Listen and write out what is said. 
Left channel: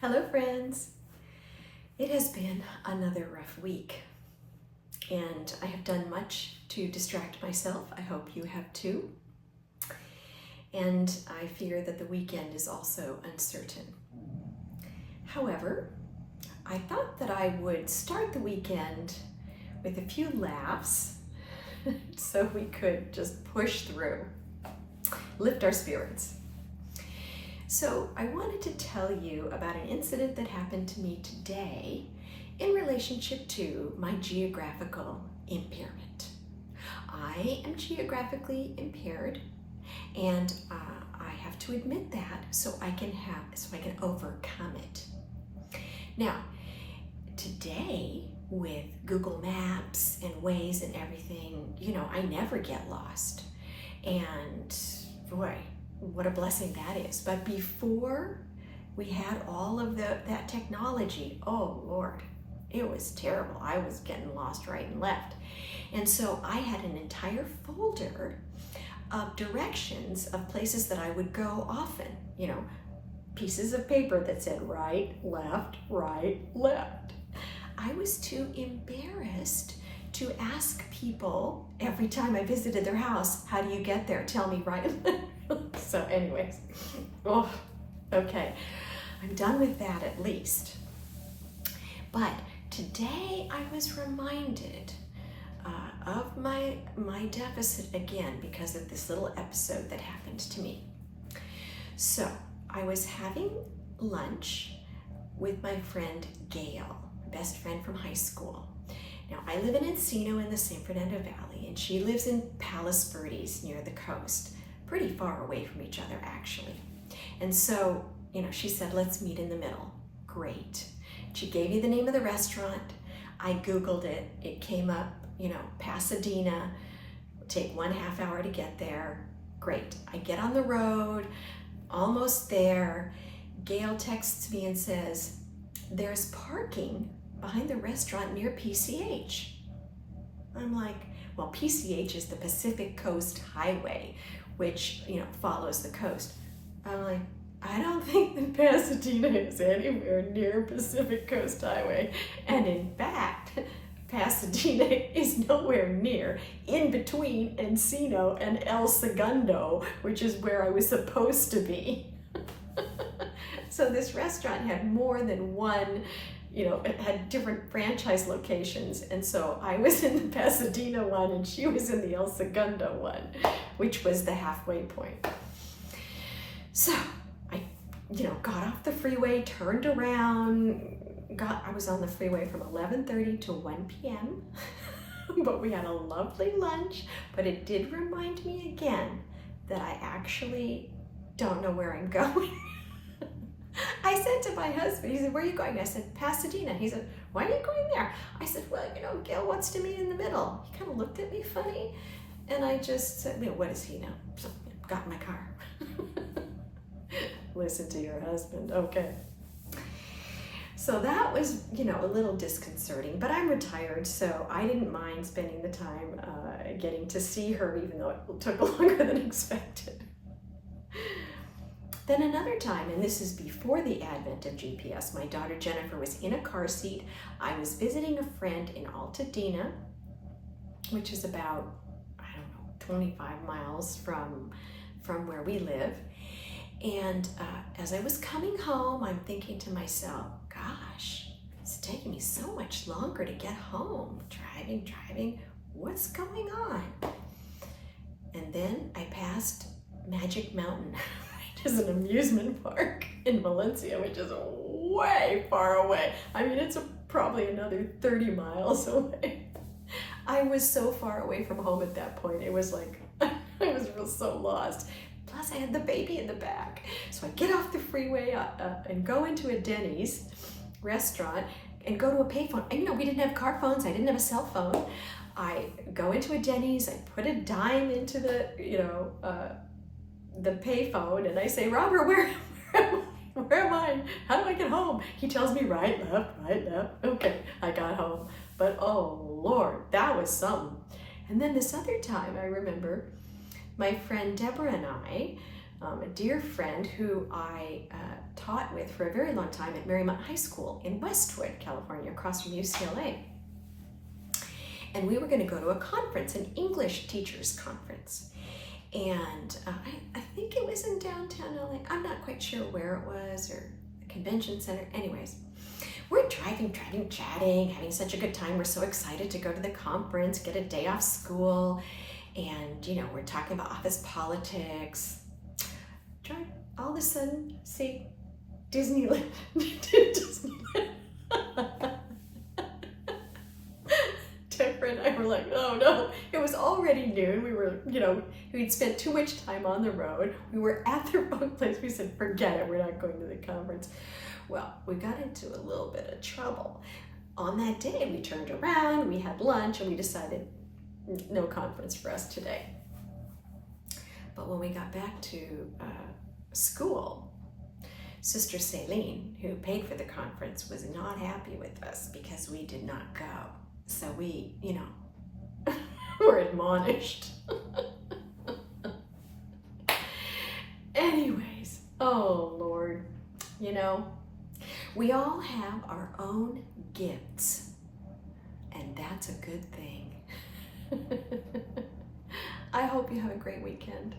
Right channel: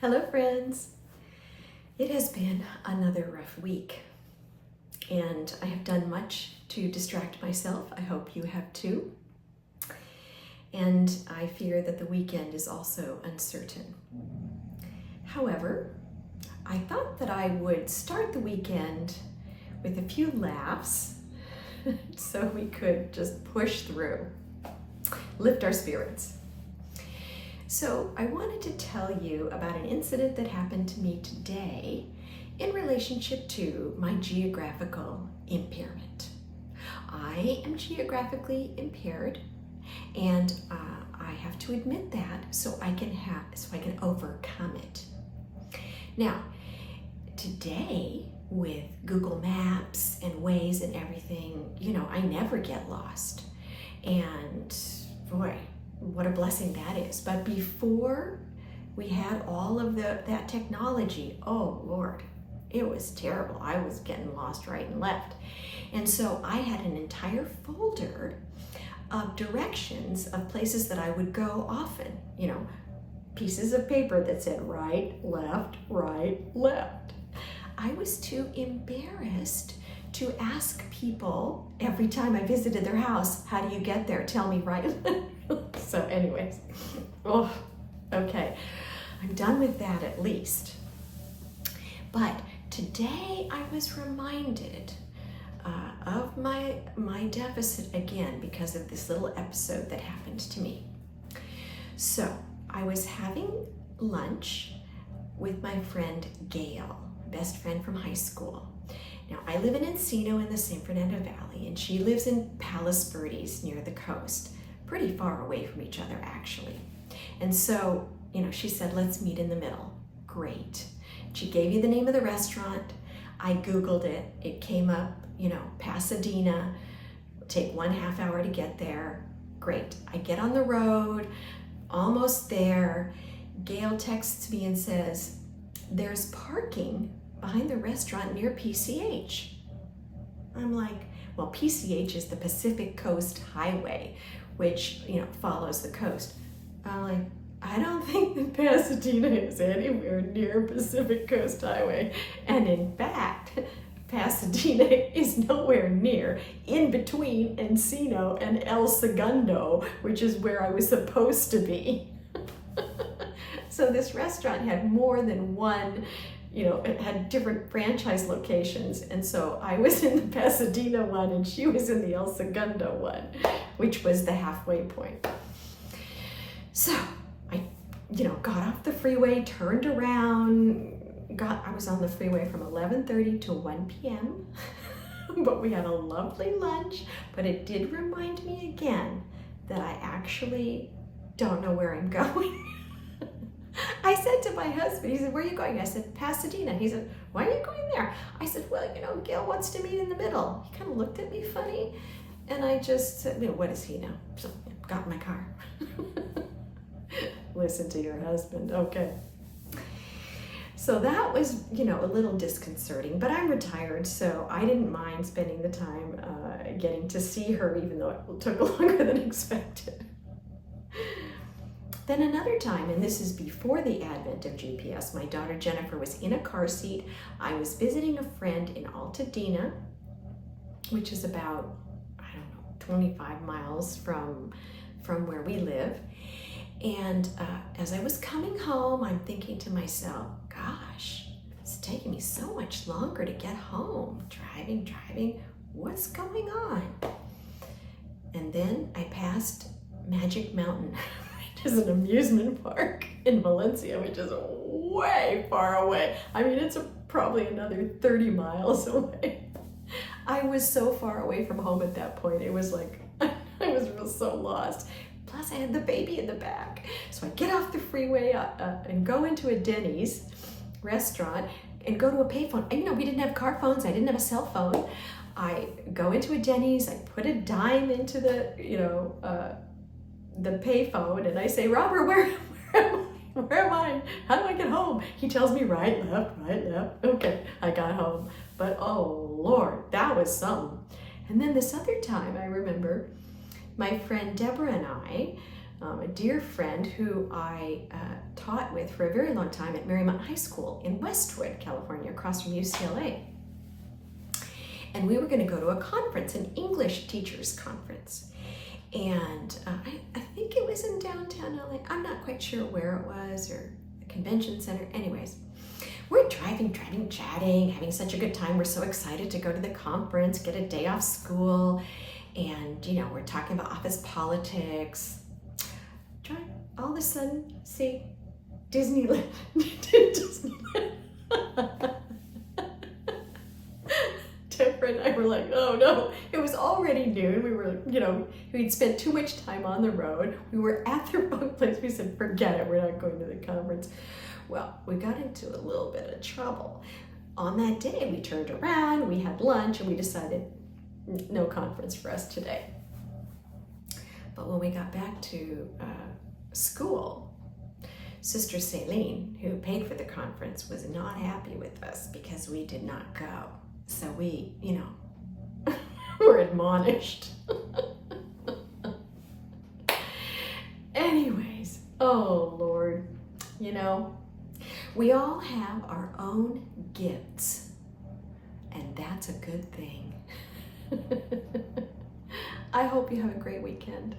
Hello friends! It has been another rough week and I have done much to distract myself. I hope you have too. And I fear that the weekend is also uncertain. However, I thought that I would start the weekend with a few laughs so we could just push through, lift our spirits. So I wanted to tell you about an incident that happened to me today in relationship to my geographical impairment. I am geographically impaired, and I have to admit that so I can overcome it. Now, today with Google Maps and Waze and everything, I never get lost. And boy, what a blessing that is. But before we had all of that technology, oh Lord, it was terrible. I was getting lost right and left. And so I had an entire folder of directions of places that I would go often, pieces of paper that said right, left, right, left. I was too embarrassed to ask people every time I visited their house, how do you get there? Tell me right. So anyways, okay, I'm done with that at least. But today I was reminded of my deficit again because of this little episode that happened to me. So I was having lunch with my friend Gail, best friend from high school. Now, I live in Encino in the San Fernando Valley, and she lives in Palos Verdes near the coast, pretty far away from each other, actually. And so, she said, let's meet in the middle. Great. She gave me the name of the restaurant. I Googled it. It came up, Pasadena. Take 1.5 hours to get there. Great. I get on the road, almost there. Gail texts me and says, there's parking behind the restaurant near PCH. I'm like, well, PCH is the Pacific Coast Highway, which, follows the coast. I'm like, I don't think that Pasadena is anywhere near Pacific Coast Highway. And in fact, Pasadena is nowhere near, in between Encino and El Segundo, which is where I was supposed to be. So this restaurant had more than one, it had different franchise locations. And so I was in the Pasadena one and she was in the El Segundo one, which was the halfway point. So I, got off the freeway, turned around, I was on the freeway from 11:30 to 1 p.m. But we had a lovely lunch, but it did remind me again that I actually don't know where I'm going. I said to my husband, he said, where are you going? I said, Pasadena. He said, why are you going there? I said, well, Gail wants to meet in the middle. He kind of looked at me funny. And I just said, what does he know? So got in my car. Listen to your husband. Okay. So that was, a little disconcerting, but I'm retired, so I didn't mind spending the time getting to see her, even though it took longer than expected. Then another time, and this is before the advent of GPS, my daughter Jennifer was in a car seat. I was visiting a friend in Altadena, which is about, 25 miles from where we live. And as I was coming home, I'm thinking to myself, gosh, it's taking me so much longer to get home. Driving, what's going on? And then I passed Magic Mountain, which is an amusement park in Valencia, which is way far away. It's probably another 30 miles away. I was so far away from home at that point. It was like, I was so lost. Plus I had the baby in the back. So I get off the freeway and go into a Denny's restaurant and go to a payphone. And we didn't have car phones. I didn't have a cell phone. I go into a Denny's, I put a dime into the payphone, and I say, Robert, where am I? How do I get home? He tells me right, left. Okay, I got home. But oh Lord, that was something. And then this other time I remember my friend Deborah and I a dear friend who I taught with for a very long time at Marymount High School in Westwood, California, across from UCLA. And we were going to go to a conference, an English teachers conference. And I think it was in downtown LA. I'm not quite sure where it was, or the convention center. Anyways, we're driving, chatting, having such a good time. We're so excited to go to the conference, get a day off school. And, you know, we're talking about office politics. All of a sudden, see, Disneyland. Disneyland. Deborah and I were like, oh no, it was already noon. We were, you know, we'd spent too much time on the road. We were at the wrong place. We said, forget it, we're not going to the conference. Well, we got into a little bit of trouble. On that day, we turned around, we had lunch, and we decided no conference for us today. But when we got back to school, Sister Celine, who paid for the conference, was not happy with us because we did not go. So we, you know, were admonished. Anyways, oh Lord, you know, we all have our own gifts, and that's a good thing. I hope you have a great weekend.